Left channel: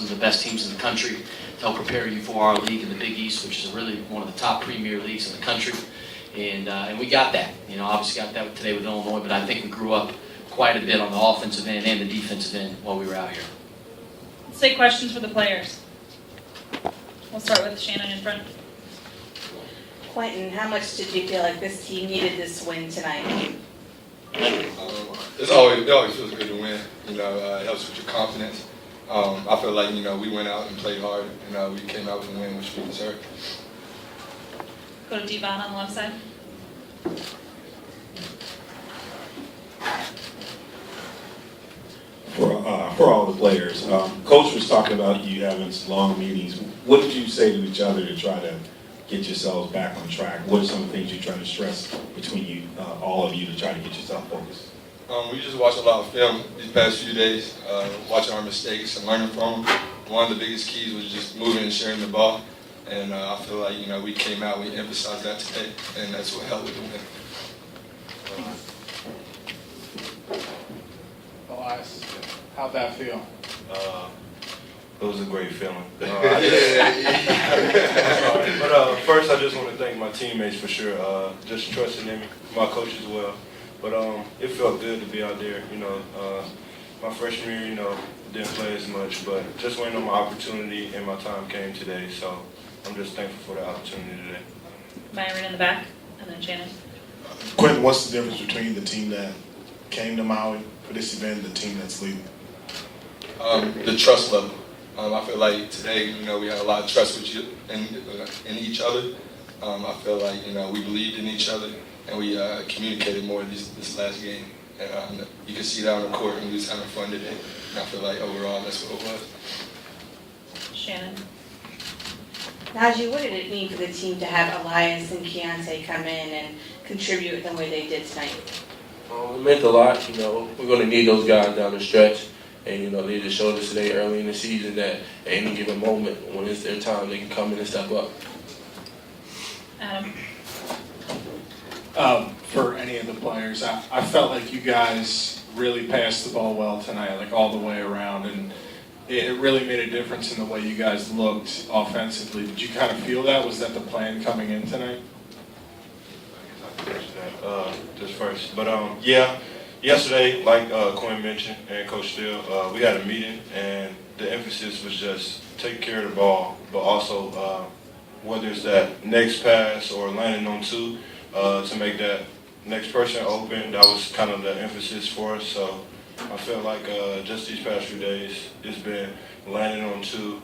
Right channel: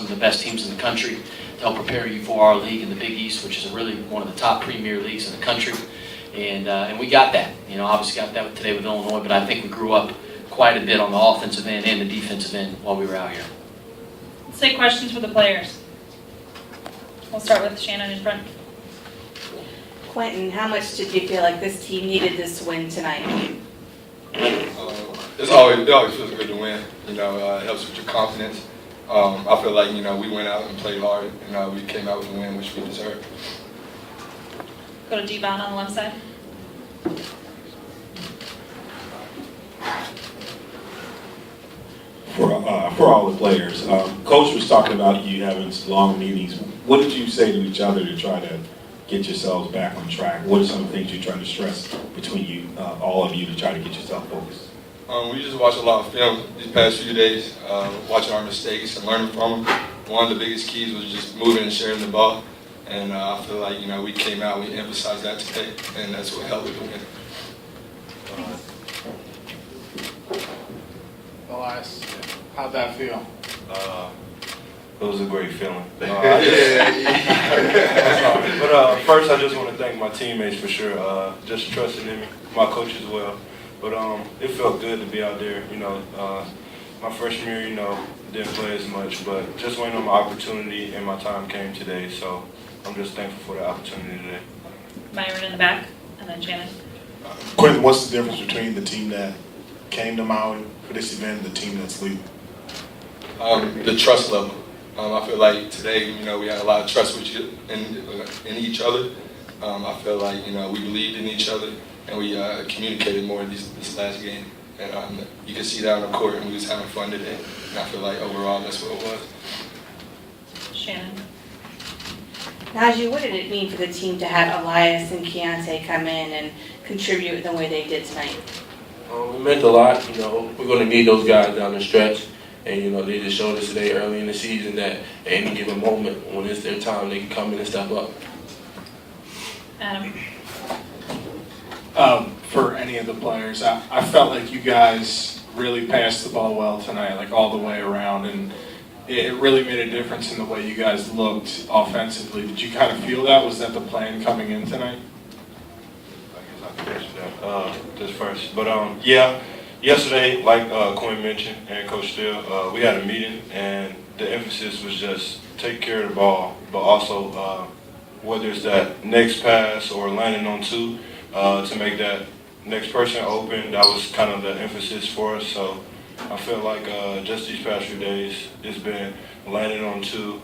some of the best teams in the country to help prepare you for our league in the Big East, which is really one of the top premier leagues in the country. And we got that. Obviously got that today with Illinois, but I think we grew up quite a bit on the offensive end and the defensive end while we were out here. Let's take questions for the players. We'll start with Shannon in front. Quentin, how much did you feel like this team needed this win tonight? It always feels good to win. It helps with your confidence. I feel like, we went out and played hard, and we came out with a win, which we deserved. Go to Devon on the left side. For all the players, Coach was talking about you having long meetings. What did you say to each other to try to get yourselves back on track? What are some things you try to stress between you, all of you, to try to get yourself focused? We just watched a lot of film these past few days, watching our mistakes and learning from them. One of the biggest keys was just moving and sharing the ball. And I feel like, we came out, we emphasized that today, and that's what helped with the win. Elias, how'd that feel? It was a great feeling. But Yeah. first, I just want to thank my teammates for sure, just trusting in me, my coach as well. But it felt good to be out there. My freshman year, didn't play as much, but just waiting on my opportunity and my time came today. So I'm just thankful for the opportunity today. Myron in the back, and then Shannon. Quentin, what's the difference between the team that came to Maui for this event and the team that's leaving? The trust level. I feel like today, we had a lot of trust with you in each other. I feel like, we believed in each other, and we communicated more this last game. And you can see that on the court, and we was having fun today. And I feel like overall, that's what it was. Shannon. Najee, what did it mean for the team to have Elias and Keontae come in and contribute the way they did tonight? It meant a lot. We're going to need those guys down the stretch. And, they just showed us today early in the season that at any given moment, when it's their time, they can come in and step up. Adam. For any of the players, I felt like you guys really passed the ball well tonight, like all the way around, and it really made a difference in the way you guys looked offensively. Did you kind of feel that? Was that the plan coming in tonight? I guess I can answer that just first. But yeah, yesterday, like Quinn mentioned and Coach Steele, we had a meeting, and the emphasis was just take care of the ball, but also whether it's that next pass or landing on two to make that next person open. That was kind of the emphasis for us. So I feel like just these past few days, it's been landing on two,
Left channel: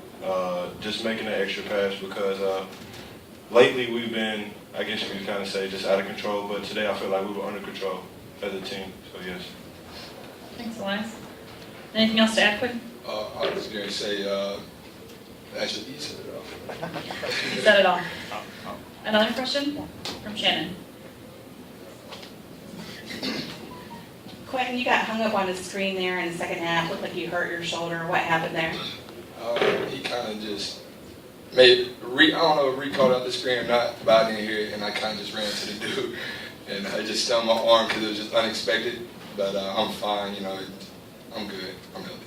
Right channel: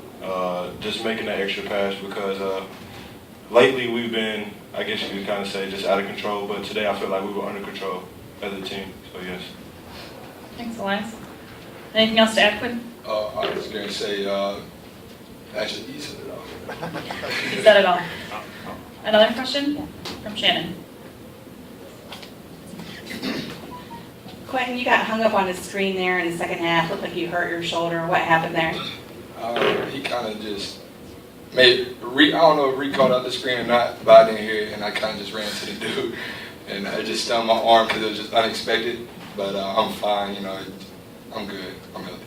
just making that extra pass because lately we've been, I guess you could kind of say, just out of control. But today I feel like we were under control as a team. So yes. Thanks, Elias. Anything else to add, Quinn? I was going to say, actually, you said it all. You said it all. Another question from Shannon. Quentin, you got hung up on the screen there in the second half. Looked like you hurt your shoulder. What happened there? He kind of just made, I don't know if Reed called out the screen or not, but I didn't hear it, and I kind of just ran to the dude. And I just stung my arm because it was just unexpected. But I'm fine, I'm good. I'm healthy.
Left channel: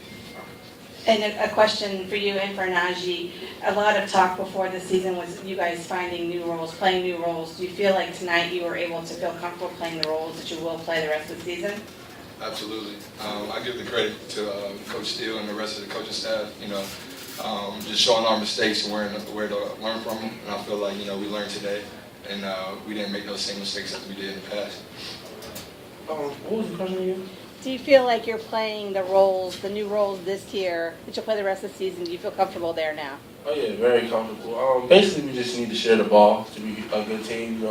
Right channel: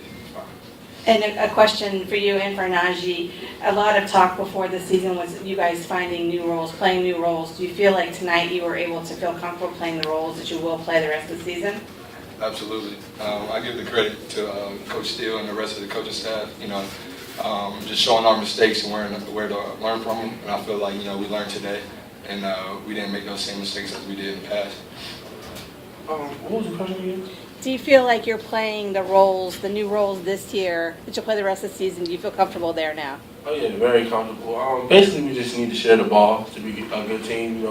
And a question for you and for Najee. A lot of talk before the season was you guys finding new roles, playing new roles. Do you feel like tonight you were able to feel comfortable playing the roles that you will play the rest of the season? Absolutely. I give the credit to Coach Steele and the rest of the coaching staff, just showing our mistakes and where to learn from them. And I feel like, we learned today, and we didn't make those same mistakes as we did in the past. What was the question again? Do you feel like you're playing the roles, the new roles this year, that you'll play the rest of the season? Do you feel comfortable there now? Oh, yeah, very comfortable. Basically, we just need to share the ball to be a good team.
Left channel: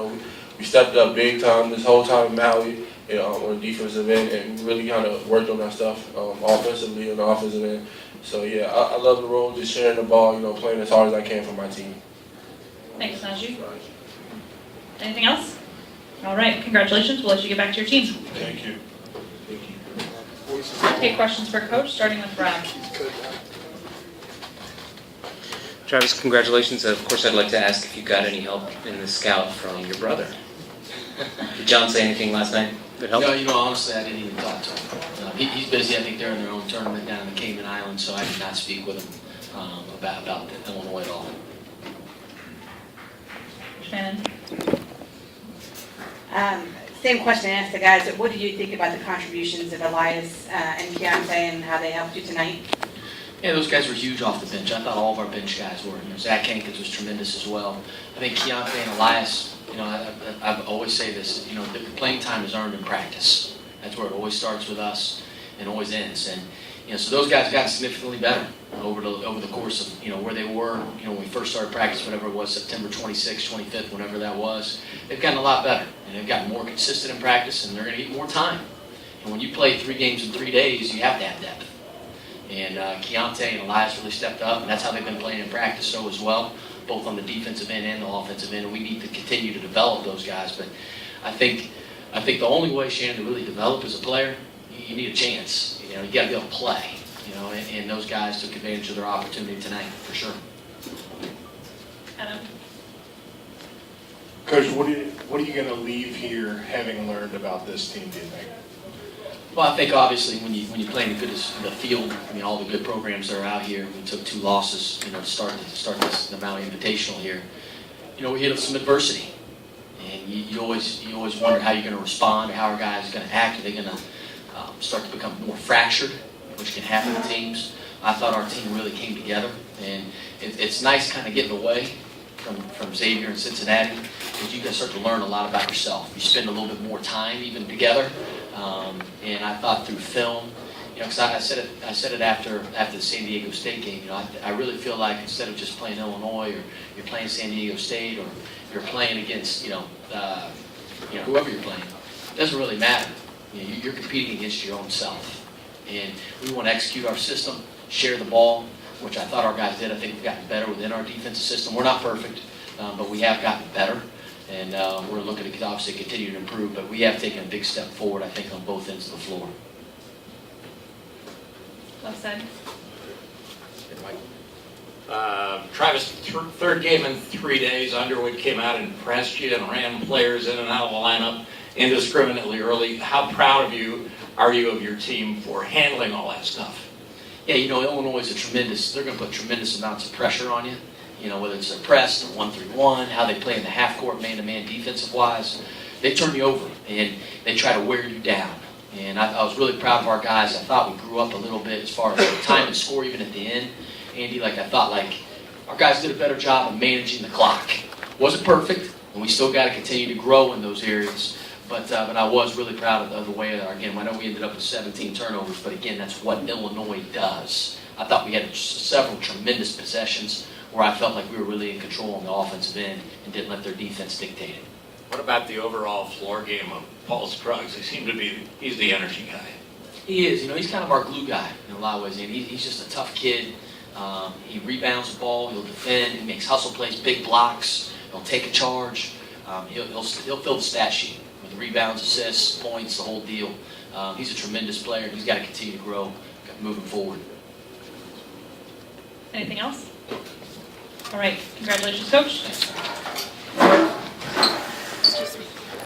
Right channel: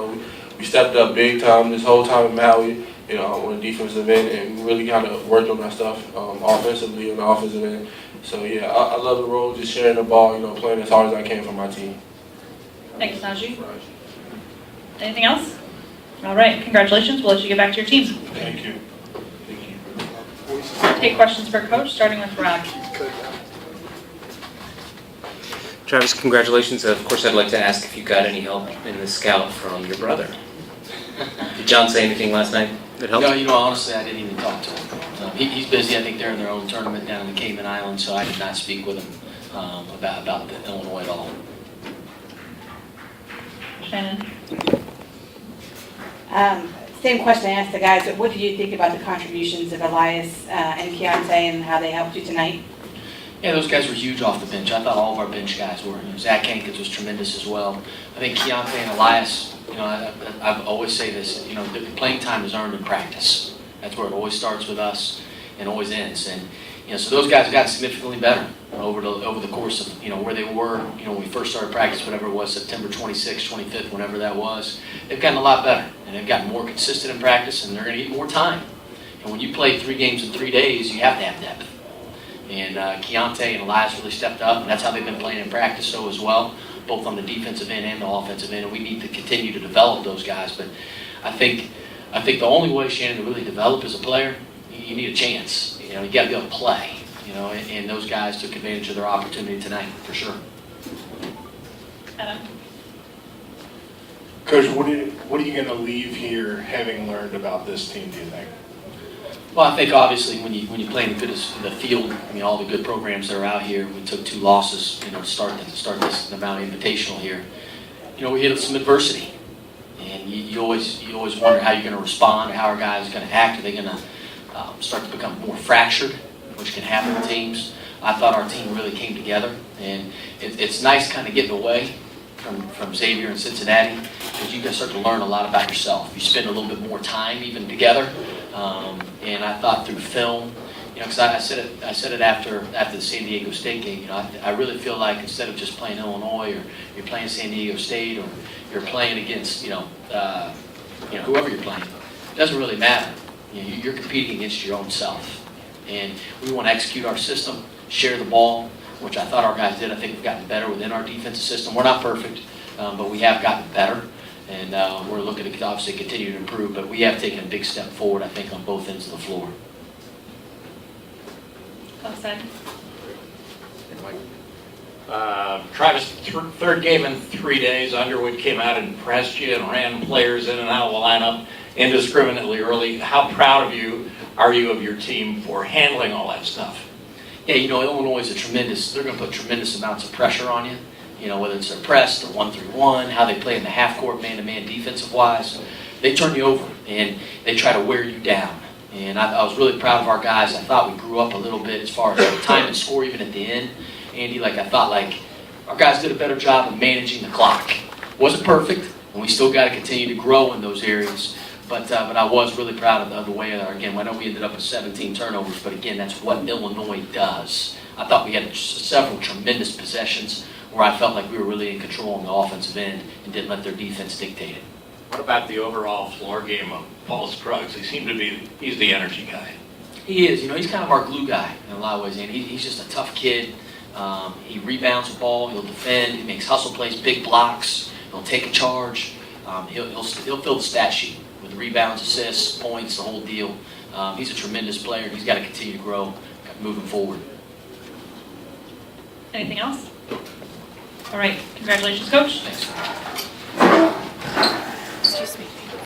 We stepped up big time this whole time in Maui, on the defensive end, and we really kind of worked on our stuff offensively on the offensive end. So, yeah, I love the role, just sharing the ball, playing as hard as I can for my team. Thanks, Najee. Anything else? All right, congratulations. We'll let you get back to your team. Thank you. Take questions for Coach, starting with Rod. Travis, congratulations. Of course, I'd like to ask if you got any help in the scout from your brother. Did John say anything last night that helped? No, honestly, I didn't even talk to him. He's busy. I think they're in their own tournament down in the Cayman Islands, so I did not speak with him about Illinois at all. Shannon? Same question I asked the guys, but what do you think about the contributions of Elias and Keontae and how they helped you tonight? Yeah, those guys were huge off the bench. I thought all of our bench guys were. Zach Hankins was tremendous as well. I think Keontae and Elias, I always say this, the playing time is earned in practice. That's where it always starts with us and always ends. And so those guys got significantly better over the course of where they were. When we first started practice, whatever it was, September 26th, 25th, whenever that was. They've gotten a lot better, and they've gotten more consistent in practice, and they're going to get more time. And when you play 3 games in 3 days, you have to have depth. And Keontae and Elias really stepped up, and that's how they've been playing in practice so as well, both on the defensive end and the offensive end. And we need to continue to develop those guys. But I think the only way, Shannon, to really develop as a player, you need a chance. You got to be able to play. And those guys took advantage of their opportunity tonight for sure. Adam? Coach, what are you going to leave here having learned about this team, do you think? Well, I think obviously when you play in the field, all the good programs that are out here, we took 2 losses, to start this Valley Invitational here. We hit some adversity, and you always wonder how you're going to respond, or how our guys are going to act. Are they going to start to become more fractured, which can happen in teams? I thought our team really came together, and it's nice kind of getting away from Xavier and Cincinnati, because you can start to learn a lot about yourself. You spend a little bit more time even together. And I thought through film, because I said it after the San Diego State game. I really feel like instead of just playing Illinois, or you're playing San Diego State, or you're playing against whoever you're playing, it doesn't really matter. You're competing against your own self, and we want to execute our system, share the ball, which I thought our guys did. I think we've gotten better within our defensive system. We're not perfect, but we have gotten better. And we're looking to obviously continue to improve, but we have taken a big step forward, I think, on both ends of the floor. Travis, third game in 3 days, Underwood came out and pressed you and ran players in and out of the lineup indiscriminately early. How proud are you of your team for handling all that stuff? Yeah, Illinois is they're going to put tremendous amounts of pressure on you. Whether it's their press, the 1-3-1, how they play in the half-court man-to-man defensive-wise, they turn you over, and they try to wear you down. And I was really proud of our guys. I thought we grew up a little bit as far as time and score even at the end. Andy, I thought our guys did a better job of managing the clock. Wasn't perfect, and we still got to continue to grow in those areas. But I was really proud of the way, again, I know we ended up with 17 turnovers, but again, that's what Illinois does. I thought we had several tremendous possessions where I felt like we were really in control on the offensive end and didn't let their defense dictate it. What about the overall floor game of Paul Scruggs? He's the energy guy. He is. He's kind of our glue guy in a lot of ways, and he's just a tough kid. He rebounds the ball. He'll defend. He makes hustle plays, big blocks. He'll take a charge. He'll fill the stat sheet with rebounds, assists, points, the whole deal. He's a tremendous player, and he's got to continue to grow moving forward. Anything else? All right. Congratulations, Coach. Thanks.